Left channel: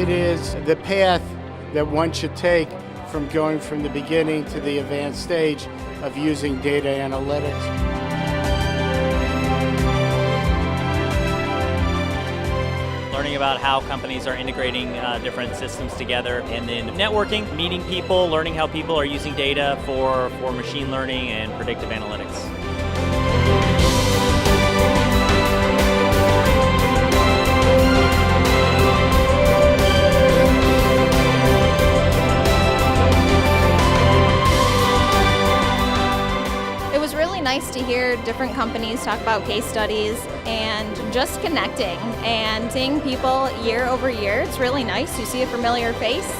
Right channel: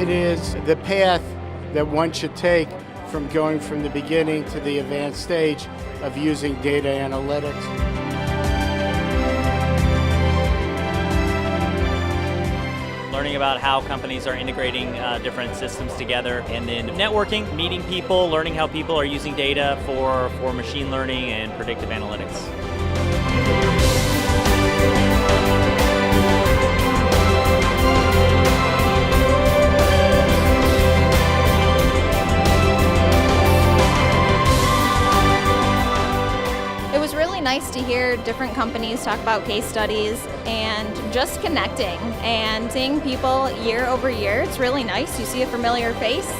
It is the path that one should take from going from the beginning to the advanced stage of using data analytics. Learning about how companies are integrating different systems together, and then networking, meeting people, learning how people are using data for machine learning and predictive analytics. It was really nice to hear different companies talk about case studies and just connecting and seeing people year over year. It's really nice. You see a familiar face